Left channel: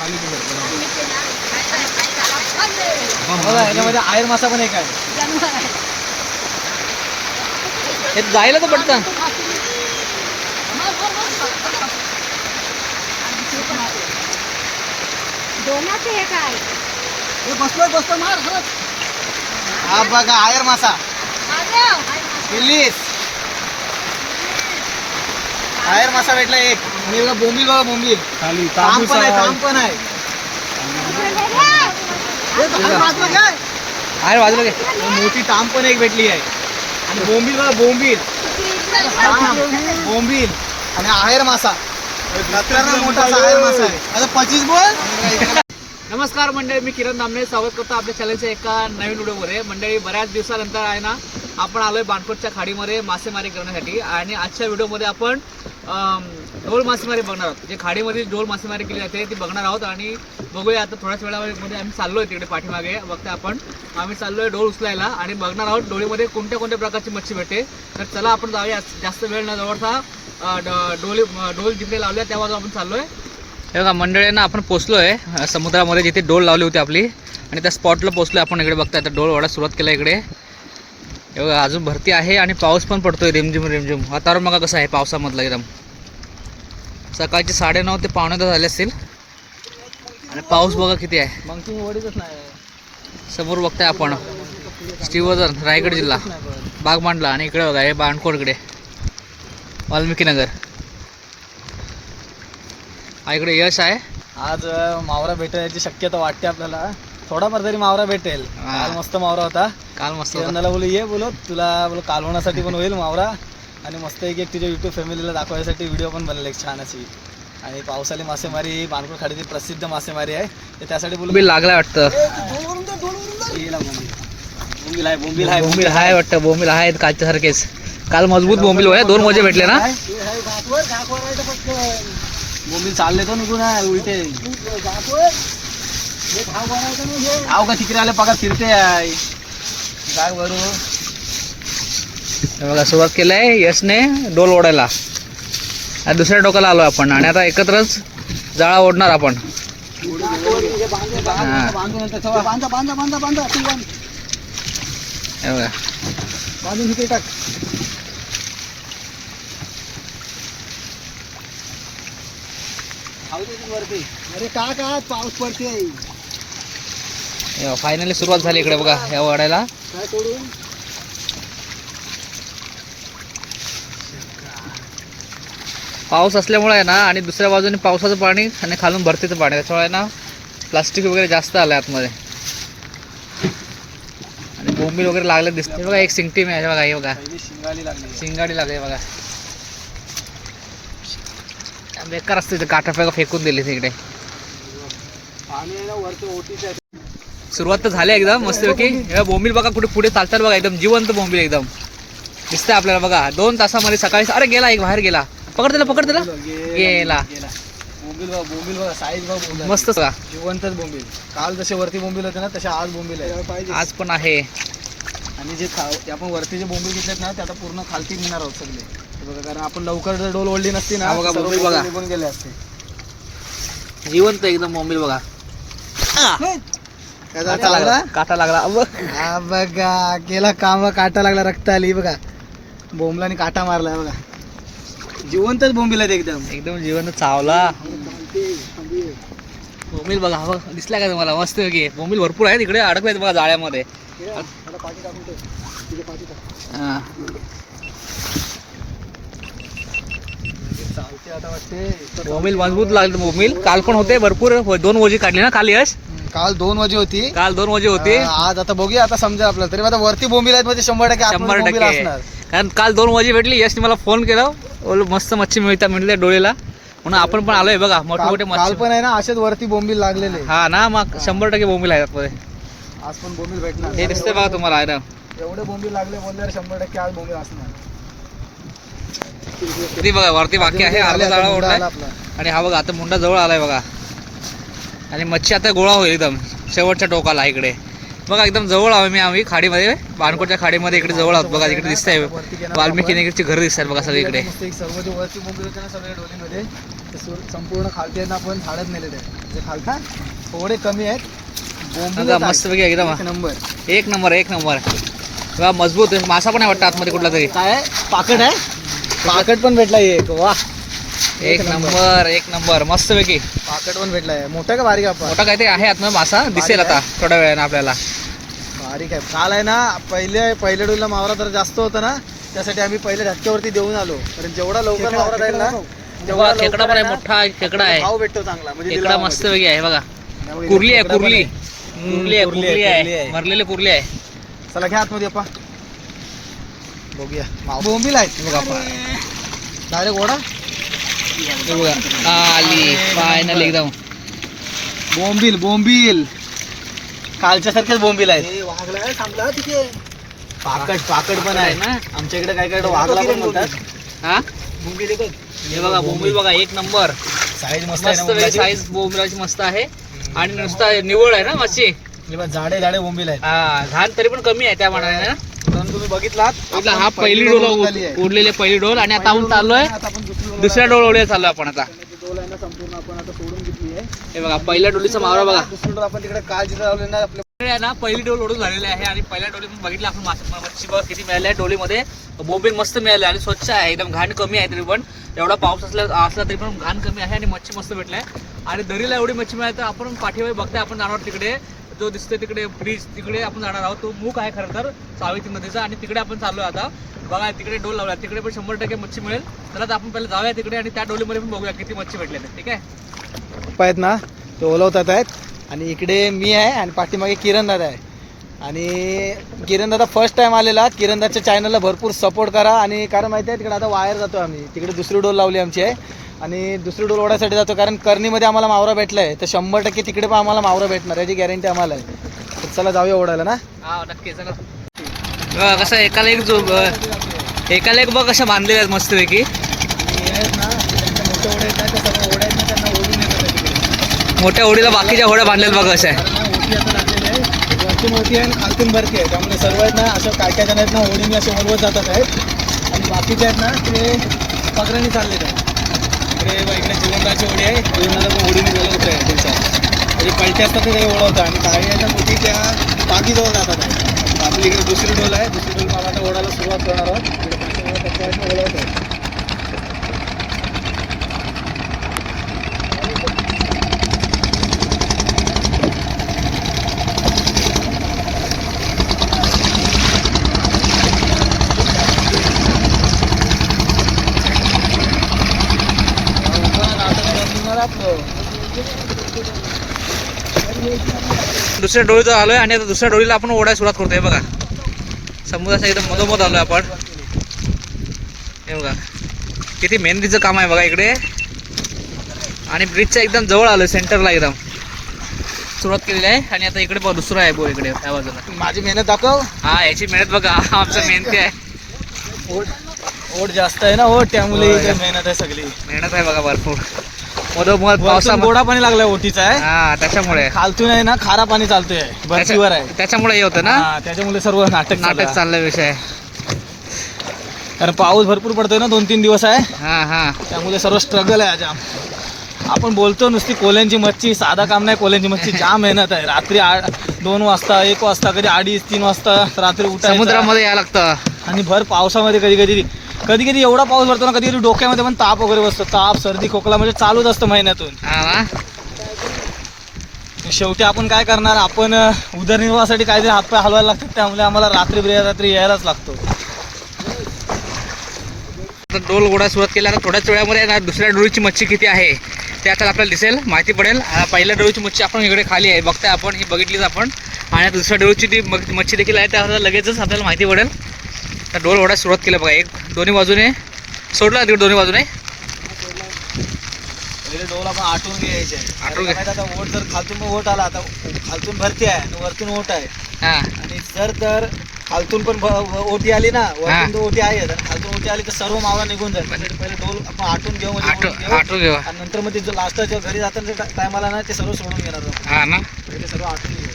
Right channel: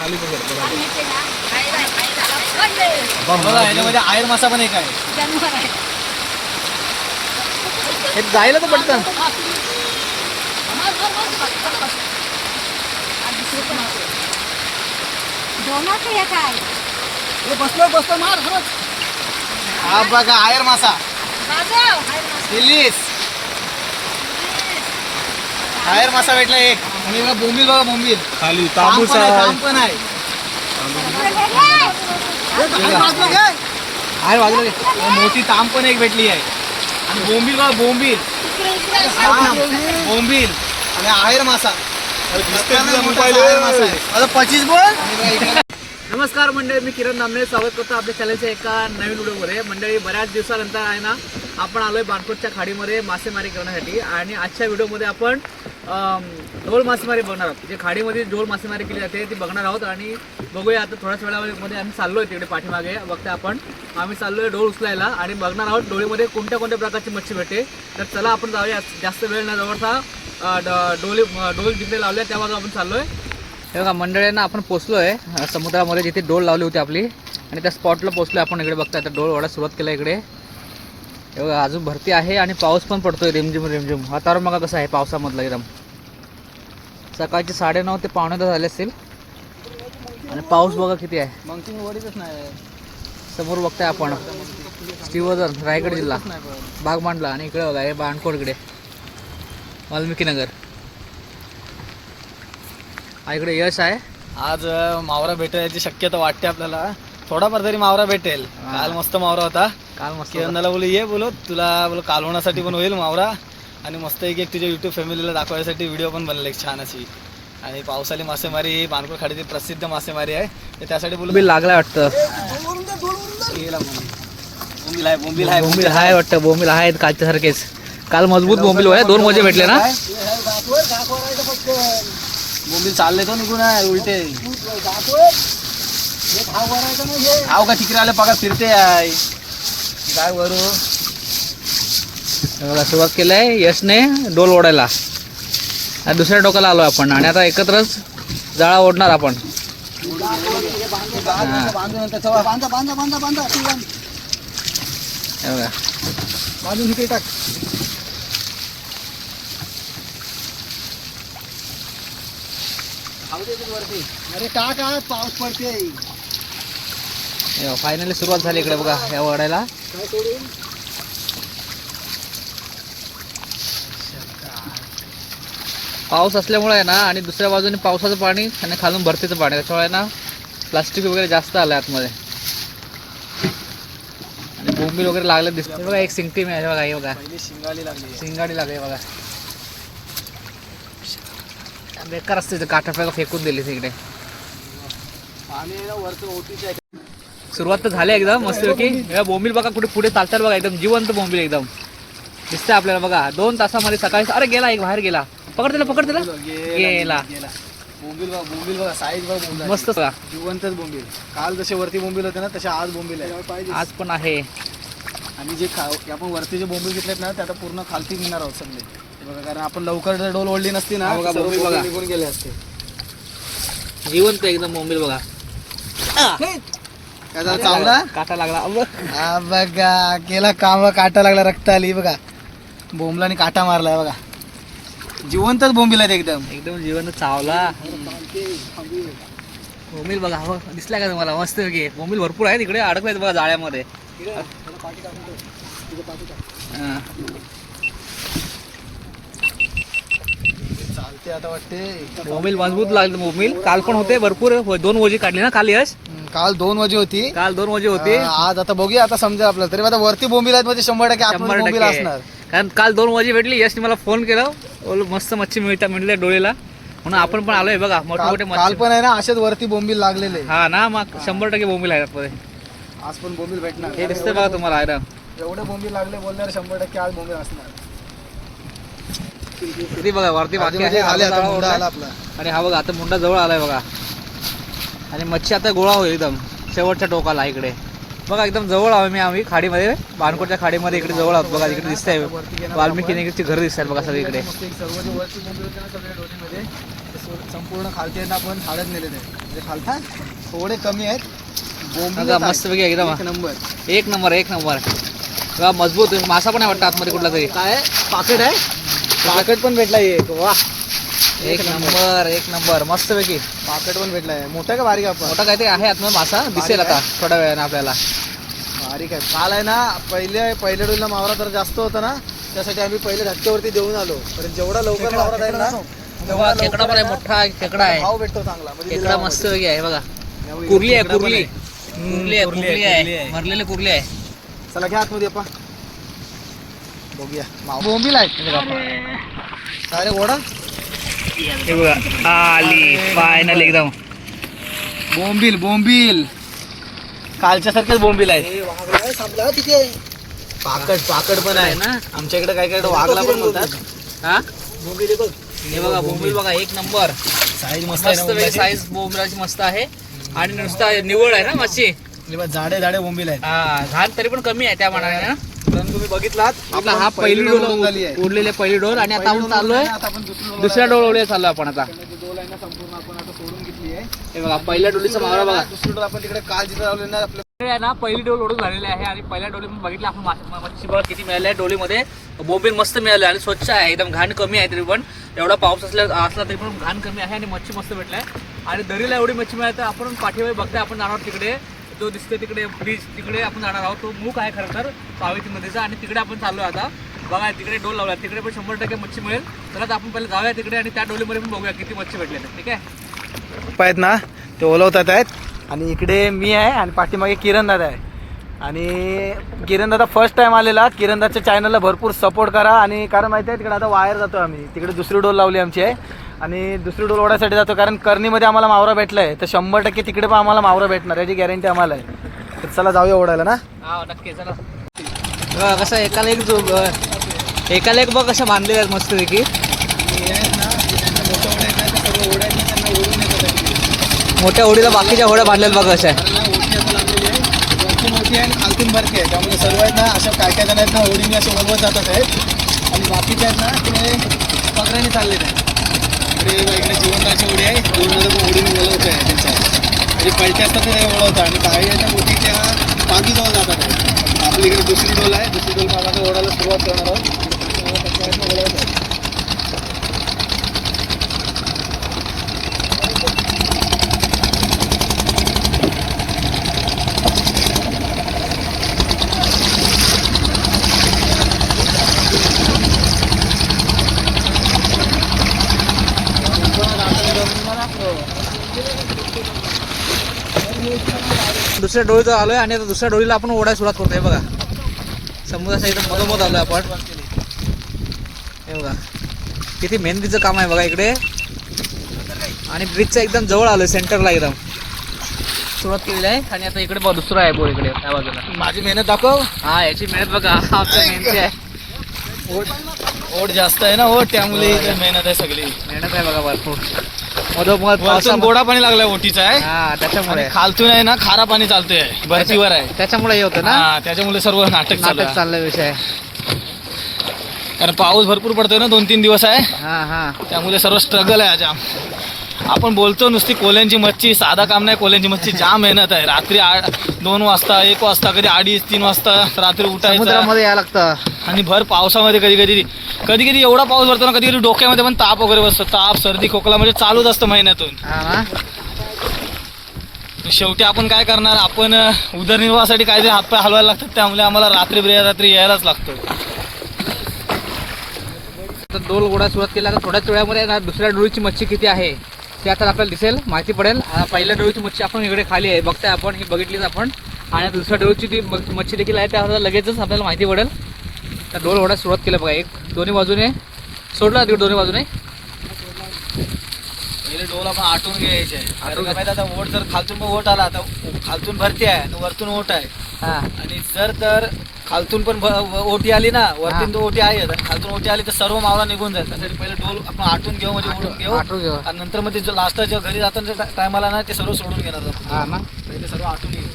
खाली बघा याच्यामध्ये आयर मासा पण एक आहे. हे जायला तर पटकन. बसलो मार खरंच. हा बघा आयर मासा रिलीज. आयर मासा भेटला एक. आणि बघा बोंबील, बघा बोंबील खाली काम पण आहे, काम पण आहे. आयर वाजलं घे. मोठी ताम पण एक भेटली आहे. आणि बोंबील बघा बोंबील बोंबील आणि आयर मासा. आता 25 बोल. नमस्कार मंडळी, मी किरण नामने स्वागत करतो आपल्या चॅनलच्या एका नवीन व्हिडिओमध्ये. मंडळी, बऱ्याच दिवसानंतर आहे ना आपण आलोय बाणकोटच्या खाडीमध्ये मासेमारी करण्यासाठी. आणि आजच्या व्हिडिओमध्ये आपण ढोल मासेमारी बघणार आहोत. जे खाडीमध्ये ढोल मासेमारी केली जाते ती बघणार आहोत. आणि बघूया आता थोड्याच वेळामध्ये आम्ही चाललोय तिकडे पाठीमागे बघते आपण. आम्ही चाललोय ढोल उचलायला आणि बघणार आहोत ढोलीमध्ये कोणत्या कोणत्या प्रकारची मच्छी भेटते. तर चला आपण जाऊया. जास्त वेळ न जवळचा ढोल जिकडे लावले त्या बाजू आपण चाललोय. हे बघा मंडळींना, आपण पोचलोय समुद्रामध्ये जिथे डोल लावली होती आपली. आणि त्या स्पॉटला पोचलोय आपण. इकडे बघताय आता डोल वाढायला सुरुवात केला इकडे. हे बघा अजून भरती आहे आणि पाऊस पण पडतोय रिमझिम रिमझिम. वातावरण बघा कसं आहे पावसामधलं एकदम. सकाळचे 9:30 ते 9:45 झाले असतील. आणि पाऊस बघा किती आहे. समोर बघताय आपण श्रीवर्धन, रायगड जिल्हा, बागमांडला. आणि इकडे बघा हे बाणकोटकडे वाल्मिकी नगर. इकडे यश आहे. आज मावरा भेटायची शक्यता वाटते आपल्याला. थोडाफार तरी मावरा भेटेल. काल मस्त मावरा होता. काल मस्त किरणाला बोलू ये, बोलो तुला बोलो कालवण्यासाठी पण होईल मावरा. आणि मस्त एक तुझ्या युट्यूब फॅमिलीला दाखवायसाठी व्हिडिओ पण बनले एक छान अशी. आणि पावसाळी मासेमारी ही बाणकोट खाडीची प्रसिद्ध मासेमारी आहे. तर त्यासाठी बोलू बोंबील लागला वाटतं. बोंबील आहे, बोंबील आहे, बोंबील आहे वाटतं. बोंबील आहेत कालच्या सारखेच. काल मजबूत बोंबील होय. 2 मजे भेटले ना. बोंबील चालले तो निघून आहे उलटे. हाव का तिकडे आले पगार फिरते आहे काय वरू. बघा सुरुवात केलंय यशने डोल ओढायला. आणि दुसऱ्या टोकाला आलो आपण. आणि आता एकत्रच जाळा ओढणार आपण. बांधून इथे टाक. अरे का पाऊस पडते. फायनली सुरुवात झाली इकडे बघा या ओढायला. पाऊस असल्यामुळे आहे ना, आणि दुसऱ्या बाजूने पावसाचं पाणी आणि खालून भरतीचं पाणी, त्याच्यामुळे ना प्लास्टिक वगैरे जास्त आलं आतमध्ये. आणि बोंबील वगैरे लागले दिसते बघा. एक सिंगटी मिळाली बघा. हे बघा शिंगाडी लागली बघा. बेकार असते ते काटा फेकून दिली तिकडे. सुरुवात तर झाली एकदम मस्तपैकी. हे बोंबील बघा कुठे पुढे चालतात बघा. एकदम जिवंत बोंबील एकदम दिसतंय आपल्याला बघा. 2 तासामध्ये सकाळी. अरे गेला एक, बाहेर गेला. पकड त्याला गेला. बोंबील बघा साईज बघा मस्त जिवंतच बोंबील. काल जसे वरती बोंबील होते ना तसे आज बोंबील आहे. आज पण आहे. आणि जे आपण वरती जे बोंबील घेतलेत ना ते आता पूर्ण खालती निघणार आहोत सगळे. हे बघा, कारण आपण लवकर डोल ओढली नसती ना बघा बोंबील बघा निघून गेले असते. जिवंत एकदम बोंबील बघा. चावला काटा लागला. हा बघा केला काम. काटा लागला, रक्त आली बघा. बोंबलाने काटा मारलाय बघा. जिवंतच बोंबील आहेत एकदम एकदम जिवंत चावला बोंबील बघा. हो दिसला का तुम्हाला मस्त की. बोंबील भरपूर आहे तिकडे अडकले बघा जाळ्यामध्ये. चालते आता वाटते. बोंबील मजबूत लागले. बोंबील काल पण होते भरपूर. 2 वजी काढली ना काल यश. काल 2 वाजे होती. काल 2 वजी होती. आज आता बघूया, आता समजा आपल्याला. तरी आता वरती बोंबील आहेत म्हणजे 100% बोंबील असणार. कारण काल 2 वजी भेटली. यशने मला फोन केला, मस्त मच्छी मिळते डोळेला, म्हणून आपण पण आलोय बघा. मोठे मोठे काल पण आहे ना असेच वरती बोंबील लागलेले. हा ना, मग 100% बोंबील आहेत. आज पण बोंबील भेटणार. हे दिसतंय बघा तुम्हाला. आहे ना एवढे बोंबील लागले बोलल्यावर 100% आज बोंबील असणार. किती बघा वरती बाकी आहे. आणि हा बघा आता मुंडा जवळ आलाय बघा. आणि मच्छी आता गोळा होईल एकदम शेवटच्या टोकाला इकडे बघा. एकदम जवळ आम्ही खाडीमध्ये, बाणकोटच्या खाडीमध्ये इकडे जवळ आहोत बघा. इकडे दिसतंय वाल्मिकी नगरची घरं दिसतात बघा सगळीकडे. संपूर्ण खालती आहेत ना आपण झाडच नेलेले आहेत म्हणजे खालता थोडे कमी आहेत. बोंबील बघा आहेत. मस्त पैकी एकदम एक नंबर. एक नंबर एक नंबर. बघा मजबूत आहे. मासा पण आहे वाटतं आतमध्ये कुठला तरी. काय पाकट आहे. पाकट पण भेटला एक. वा एक नंबर एक नंबर मस्त पैकी. पाकट पण भेटलाय. मोठा का बारीक आपण. मोठा काहीतरी आहे आतमध्ये मासा दिसेल आता थोड्या वेळानं आपल्याला. बारीक आहे. काल आहे ना पहिल्या डोलला मावरा तर जास्त होता ना त्यासाठी आम्ही पहिले धक्क्यावरती देऊन आलो. कारण जेवढा लवकर मावरा जाईल ना तेव्हा खेकडा पण आहे मोठा खेकडा आहे. भाव भेटतो चांगला. म्हणजे खेकडा मस्त पैकी आहे बघा. कुर्ली आहे कुर्ली. कुर्ली आहे कुर्ली आहे भरलेले कुर्ली आहे. चला घ्या आतमध्ये आपण बघूया. बोंबील आहेत डायरेक्ट ओढा. हे बघा आली फायनल एकदम. बोंबील बोंबील कालच्या सारखेच बोंबील आहेत. तिथे पाकड पण आहे ना आमच्याकडे काय काय वाघला पण म्हणतात. हा बोंबील बघ. हे बघा बोंबील बघा एक नंबर. साईज मस्त मस्त साईज बोंबिलाची मस्त आहे आणि नुसता निवळ आहे ना मच्छी. झाडे झाडे बोंबील आहेत. हा घाण तरी पण कमी आहे त्या मानाने ना. तुम्ही बघितलात हा पहिली डोल उरलेले पहिली डोल आणि आता आपण चाललोय दुसऱ्या डोल ओढे चाललोय आपण आता. डोल आहे ना संपूर्ण आपण आता सोडून घेतली आहे. हे बघा पहिल्या डोलीचा मावरा बघा. दुसरी डोल आपण तिकडे काल जिथे लावले ना आपल्या आहे ना पहिली डोल ओढून झालेली आहे आणि पहिल्या डोलीतून बघितलं आपण मच्छी बघा किती मिळाली आहे. डोलीमध्ये बोंबील मस्त मिळाले आणि स्वच्छ आहे एकदम. घाण कमी आहे तरी पण एवढा पाऊस असला तरी पण घाण कमी आहे आणि मच्छी मस्त भेटलाय आणि दरीला एवढी मच्छी मिळाली तर आपण पाठीवर बघताय आपण जाणार तिकडे जो दिसते तिकडे ब्रिज तिकडे आपण जाणार आहोत. तो मुख आहे खरं तर सावित्री नदीचा आणि तिकडे आपण चाललोय आता. बघा तिकडे डोल लावला तिकडे पण 100% मच्छी मिळेल. तर आता आपण पहिले जाऊया तिकडे आणि त्या डोलीमध्ये पण बघूया किती मच्छी भेटले. ठीक आहे आहेत ना ते ओलवतात आहेत. आणि इकडे मी आहे आणि पाठीमागे किरण दादा आहे. आणि किरण दादा फर्स्ट टाइम आलेला. किरण दादाच्या चॅनलला भरपूर सपोर्ट करा. आणि कारण माहिती आहे तिकडे आता वायर जातो आम्ही तिकडे दुसरी डोल लावली आमची आहे आणि दुसरी डोल ओढायसाठी जातो कारण कर्णीमध्ये आम्हाला मावरा भेटला आहे तर 100% तिकडे पण आम्हाला मावरा भेटणार याची गॅरंटी आम्हाला आहे. तर चला जाऊया ओढायला ना. हा नक्की चला. कसं एकाला एक बघ कसं बांधलेले आहेत मस्तपैकी. मोठ्या होडीला बाकीच्या होड्या बांधलेल्या बघा. अशा आहे मोठी आहे खालतून भरती आहे त्यामुळे सर्व आहेत ना असं काय काय जण आहेत ना होडीने असं वळवत जातात आहेत आणि बाकीचे आहेत ना ते पकड्याने चालले आहेत. इकडे जीवनदाची होडी आहे. होडीने वळवत आहे त्यांच्या म्हणजे कळते असतात ते ओळखतात आणि काही आहे ना मोठीच्या टाकीजवळ जातात. आपली इकडे दुसरी डोल आहे. दुसरी डोल मला ओढायला सुरुवात करणार आहोत. ओढवत आहे. दुसऱ्या डोळीचं आलोय आणि आता दुसऱ्या डोळीला आपण ओढायला सुरुवात करतोय. बघा समुद्राच्या एकदम मधोमध आलोय आपण. हे बघा किती मेहनतीचं काम आहे बघा इकडे आणि ब्रिजच्या एकदम जवळ आलोय सेंटरला एकदम सुरुवात केलेली आहे. आणि आता इकडे बघा दुसरा आहे बोर इकडे त्या बाजूला. माझी मेहनत दाखव. हा याची मेहनत बघा आमच्या मेहनती आहे. ओढ जास्त आहे ना ओढ त्यामुळे मेहनत आहे सगळी. मेहनत आहे बघा भरपूर. मधोमध पावसा गोडा पाणी लागलाय ओटीचा आहे. हा त्याच्यामुळे खालतून आहे ना खारा पाणी चालतोय भरतीवर आहे त्याच्यामुळे हे होतं ना. त्याच्यामुळे सर्व नाटक चाललाय विषय. कारण पाऊस भरपूर पडतोय ना 2-3 दिवस आहे. हा हा त्यामुळे सर्व स्ट्रगल आहे. जाम आपण बोलतो नुसती कोल्यांची मच्छी साधा काम नाही. कोल्यांची मच्छी जाम मेहनत आहे. रात्री 2 वाजता 1 वाजता कधी 2:30-3 वाजता रात्री उठायचं समुद्रामध्ये यायला लागतं. आणि भर पावसामध्ये कधी कधी एवढा पाऊस भरतो ना कधी डोक्यामध्ये पण ताप वगैरे बसतो. ताप सर्दी खोकला म्हणजे चालूच असतं महिन्यातून. शेवटी आपण काय करणार. आपण उदरनिर्वाहासाठी काहीतरी हातपाय हलवायला लागतात त्यामुळे आम्हाला रात्री यायलाच लागतो. डोल गोडा सुरुवात केला तर थोड्याच वेळामध्ये ना दुसऱ्या डोळीची मच्छी किती आहे ते आता आपल्याला दिसेल माहिती पडेल. पहिल्या डोळीची मच्छी आपण इकडे खाली आहे बघताय आपण ही बघितलीच आपण आणि दुसऱ्या डोळीची ती मच्छी देखील आहे त्या लगेचच आपल्याला माहिती पडेल. तर डोल ओढायला सुरुवात केलं बघा. एक दोन्ही बाजूने सोडला तिकडे दोन्ही बाजूने डोल आपण आटून घ्यायचे. आता ओट जर खालतून ओट आला आता खालतून भरती आहे आणि वरतून ओट आहे. हा आणि जर खालतून पण ओटी आली ना वरतून ओटी आहे आणि खालतून ओटी आली तर सर्व मावळा निघून जाईल. त्यासाठी पहिले डोल आपण आटून घेऊ म्हणजे आटून घेऊ आणि नंतर मग ते लास्टच्या घरी जाताना टायमाला ना ते सर्व सोडून घेणार आपण. हा ना पहिले सर्व आटून घेऊ.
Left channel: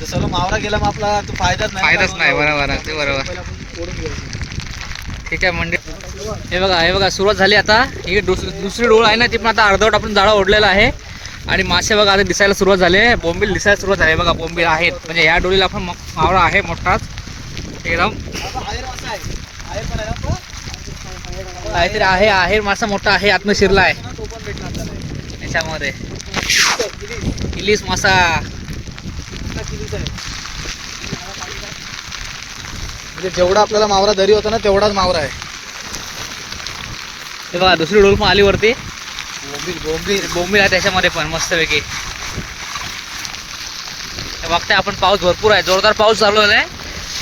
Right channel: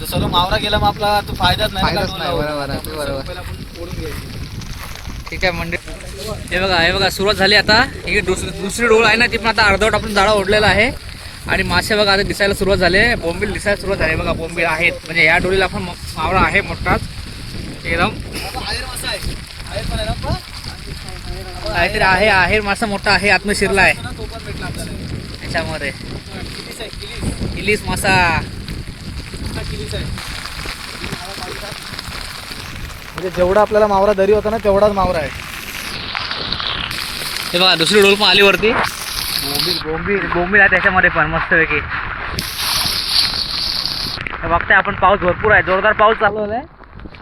जर सर्व मावरा गेला मग आपला तो फायदाच नाही. बरोबर पहिले आपण ओढून घ्यायची. ठीक आहे म्हणजे हे बघा सुरुवात झाली आता. ही दुसरी डोळ आहे ना, ती पण आता अर्धवट आपण जाळा ओढलेला आहे. आणि मासे बघा आता दिसायला सुरुवात झाली आहे. बोंबील दिसायला सुरुवात झाली बघा. बोंबील आहेत म्हणजे ह्या डोळीला आपण मावळा आहे मोठाच एकदम. काहीतरी आहे, आहेर मासा मोठा आहे, आतमध्ये शिरला आहे याच्यामध्ये. किलीस मासा. म्हणजे जेवढा आपल्याला मावरा दरी होता ना तेवढाच मावरा आहे. हे बघा दुसरी डोल पण आली वरती. बोंबील बोंबील आहे त्याच्यामध्ये पण मस्तपैकी. बघताय आपण पाऊस भरपूर आहे, जोरदार पाऊस चालू आहे.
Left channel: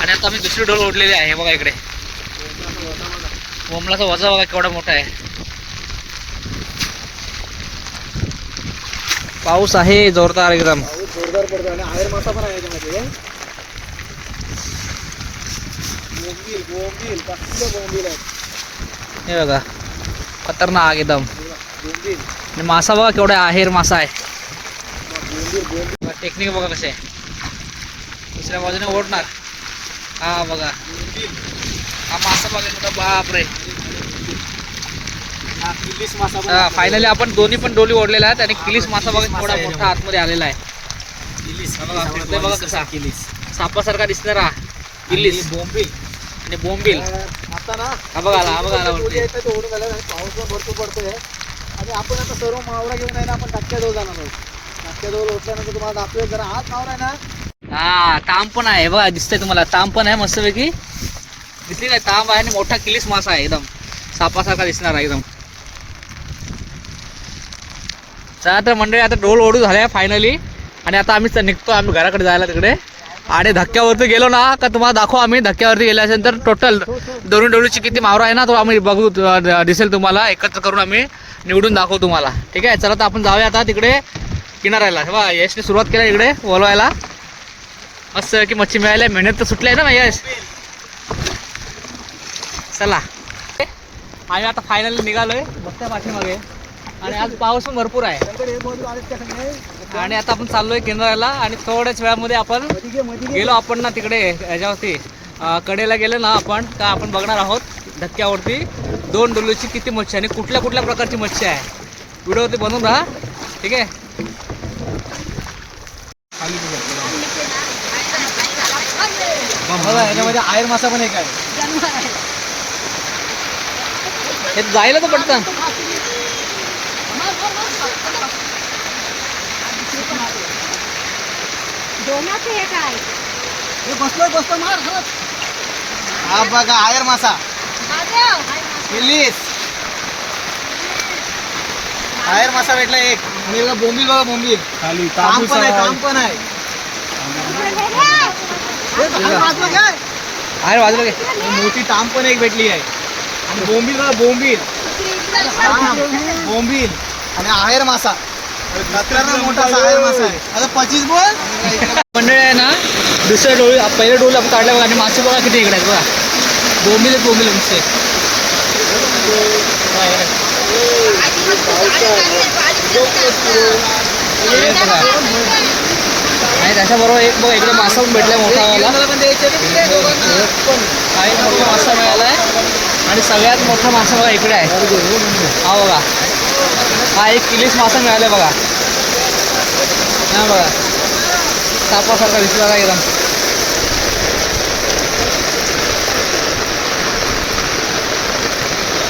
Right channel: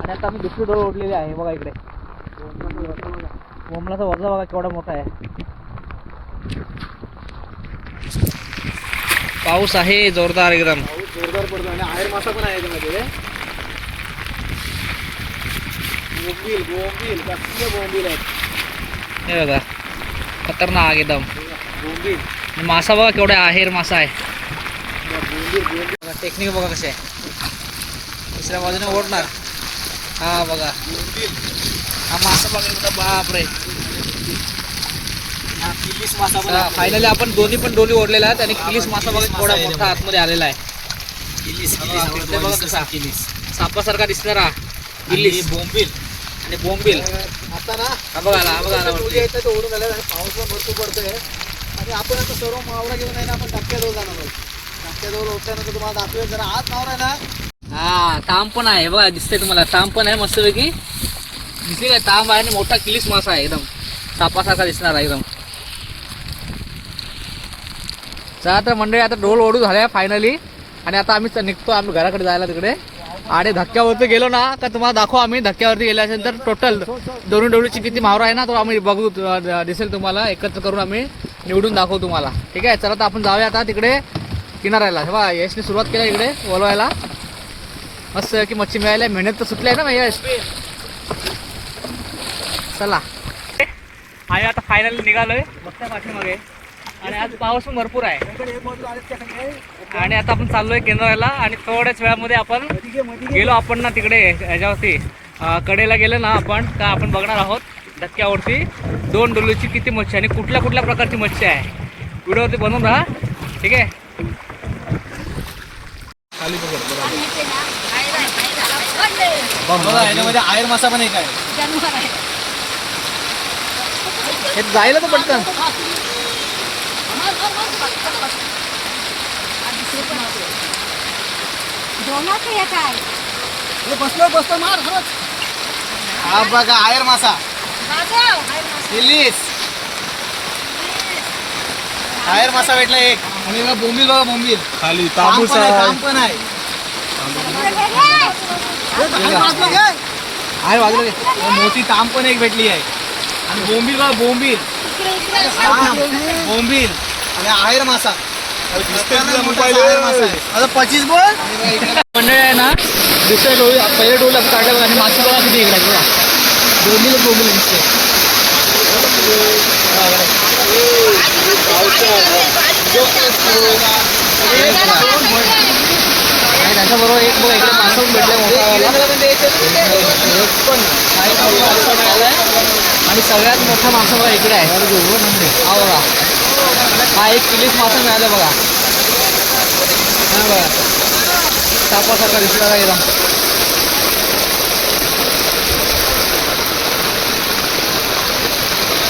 आणि आता आम्ही दुसरी डोल ओढलेली आहे. हे बघा इकडे बोंबलाचा वजा बघा केवढा मोठा आहे. पाऊस आहे जोरदार एकदम. जोरदार पडतो आणि आहेर मासा पण आहे त्यामध्ये. बोंबील बोंबील कसले बोंबील आहेत. हे बघा खतरनाक एकदम. बोंबील आणि मासा बघा केवढा आहेर मासा आहे. बोंबील टेक्निक बघा कसे आहे. दुसऱ्या बाजूने ओढणार. हा बघा हा मासा बघा मोठा. बापरे. किलीस मासा फायनली आपण दोन्ही पण डोली ओढलेल्या आहेत. आणि किलीस मासा बघा थोडा मोठा आतमध्ये आलेला आहे. किलीस ते बघा कसा किलीस सापासारखा दिसणारा किलीस. बोंबील आणि बोंबील आता ना हा बघा आला, हा बघा आला वरती. ओढून झालं आणि पाऊस पण भरपूर पडतोय. आणि आपण आता सर्व मावळा घेऊन आहे ना, आपण धक्क्याजवळ जाणार आहोत. धक्क्याजवळ उठल्यानंतर तुम्हाला दाखवू. जरा आत मावरा ना. हा तांब पण आहे बघा दिसतंय तुम्हाला. तांब पण आहे मस्तपैकी दिसली नाही. तांब आहे आणि मोठा किलीस मासा आहे एकदम सापासारखा दिसणार आहे एकदम. चला तर मंडळी आता डोल ओढू झाल्या फायनली. आणि आता आम्ही निघतो आम्ही घराकडे जायला तिकडे. आणि धक्क्यावरती गेलो ना का तुम्हाला दाखवू आम्ही. धक्क्यावरती गेल्यानंतर टोटल दोन्ही डोळीची किती मावरा आहे ना तो आम्ही बघू दिसेल तुम्हाला. एकत्र करून आम्ही निवडून दाखवू तुम्हाला. ठीक आहे चला तर आपण जाऊया आता तिकडे किनाऱ्याला. हे बघा यशने सुरुवात केली इकडे बोलवायला. मस्त की मच्छी मिळायला. मेहनत तर सुटली आहे ना यश. चला आम्ही आता फायनल निघालोय बघताय पाठीमागे. आणि आज पाऊस पण भरपूर आहे. आणि आता आपण चाललोय किनाऱ्याला. आणि थोड्याच वेळामध्ये आपण गेलो आपण ना तिकडे ह्याच्यावरती कडेला गेलो ना आपण का आपण बघणार आहोत धक्क्यावरती दोन डोलीची किती मच्छी आणि कुठल्या कुठल्या प्रकारची मच्छी आहे. व्हिडिओवरती बनवून राहा. ठीक आहे. बघा याच्यामध्ये आहेर मासा पण एक आहे. हे जायला तर पटकन. बसलो मार. हा बघा आहेर मासा. किलीस आहेर मासा भेटला एक. आणि बघा बोंबील. बघा बोंबील खाली तांब पण आहे. तांब पण आहे. आहे बाजूला घे. मोठी तांब पण एक भेटली आहे. आणि बोंबील बघा बोंबील. बोंबील आणि आहेर मासा. आता 25 बोल. मंडळी आहे ना दुसऱ्या डोळी पहिल्या डोळी आपण काढल्या बघा. आणि मासे बघा किती इकडे बघा. बोंबील दिसते. आणि त्याच्याबरोबर एक बघा इकडे मासा पण भेटला मोठा वाला. एक पण मोठा मासा मिळाला. आणि सगळ्यात मोठा मासा बघा इकडे आहे. हा बघा हा एक किलीस मासा मिळाला बघा. हा बघा सापासारखा दिसला एकदम.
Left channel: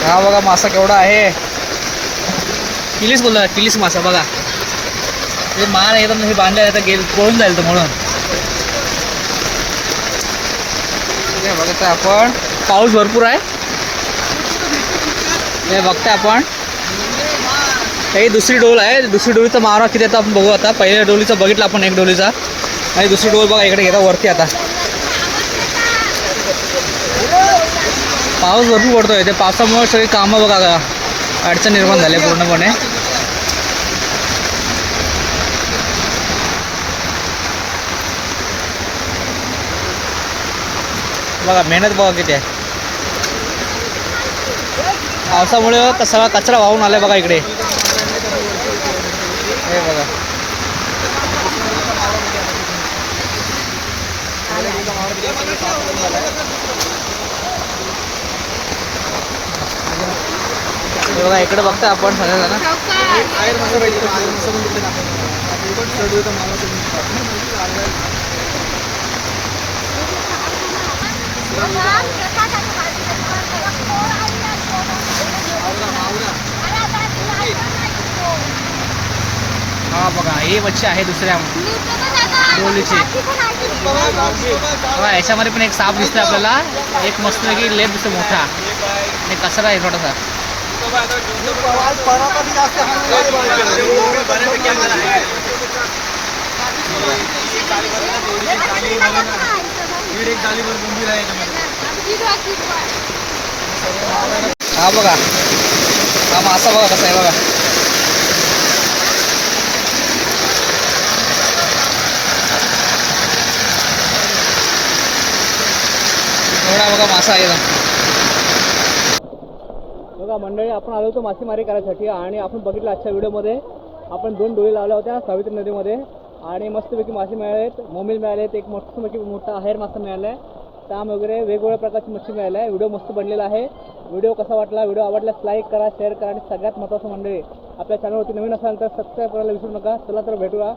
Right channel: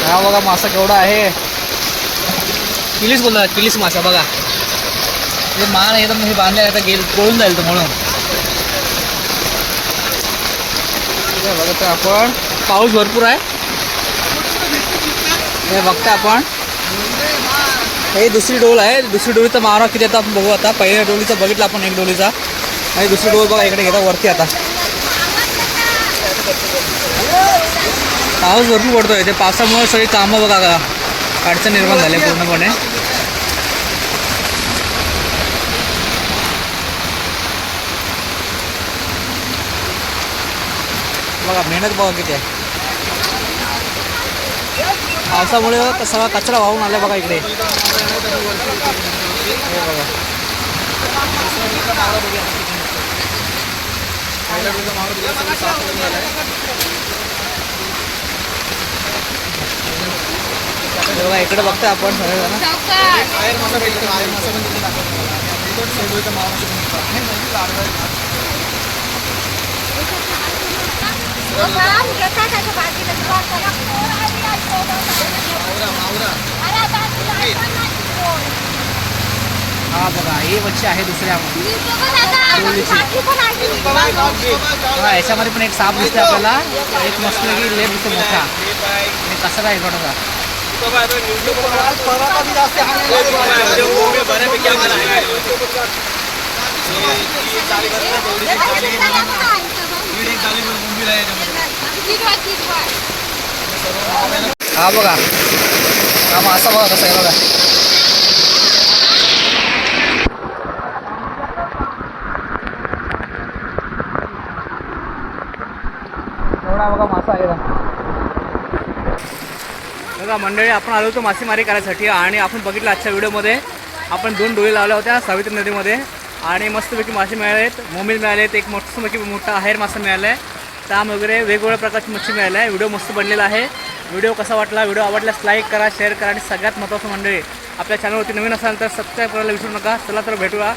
हा बघा मासा केवढा आहे. किलीस बोलतो किलीस मासा बघा. ते मान एकदम हे बांधले आता पळून जाईल तो म्हणून. बघतो आपण पाऊस भरपूर आहे. हे बघता आपण ही दुसरी डोल आहे. दुसरी डोलीचा मारा किती आता आपण बघू. आता पहिल्या डोलीचा बघितला आपण एक डोलीचा. आणि दुसरी डोल बघा इकडे घेता वरती. आता पाऊस भरपूर पडतोय. ते पावसामुळे सगळी कामं बघा अडचण निर्माण झाली पूर्णपणे. बघा मेहनत बघा किती आहे. पावसामुळे सगळा कचरा वाहून आला बघा इकडे. हे बघा हे बघा इकडे बघता आपण सगळेजण हा बघा ही मच्छी आहे दुसऱ्या डोलीची. बघा याच्यामध्ये पण एक साप दिसतोय आपल्याला, एक मस्त की लेप दिसतो मोठा आणि कचरा आहे थोडासा. हा बघा हा मासा बघा कसा आहे बघा. एवढा बघा मासा आहे बघा. मंडळी आपण आलो होतो मासेमारी करायसाठी आणि आपण बघितलं आजच्या व्हिडिओमध्ये आपण 2 डोळी लावल्या होत्या सावित्री नदीमध्ये आणि मस्तपैकी मासे मिळालेत, मोमील मिळालेत, एक मस्तपैकी मोठा आहेर मासा मिळाला आहे, ताम वगैरे वेगवेगळ्या प्रकारची मच्छी मिळाली आहे. व्हिडिओ मस्त बनलेला आहे. व्हिडिओ कसा वाटला, व्हिडिओ आवडल्यास लाईक करा, शेअर करा आणि सगळ्यात महत्त्वाचं मंडळी आपल्या चॅनलवरती नवीन असाल तर सबस्क्राईब करायला विसरू नका. चला तर भेटूया.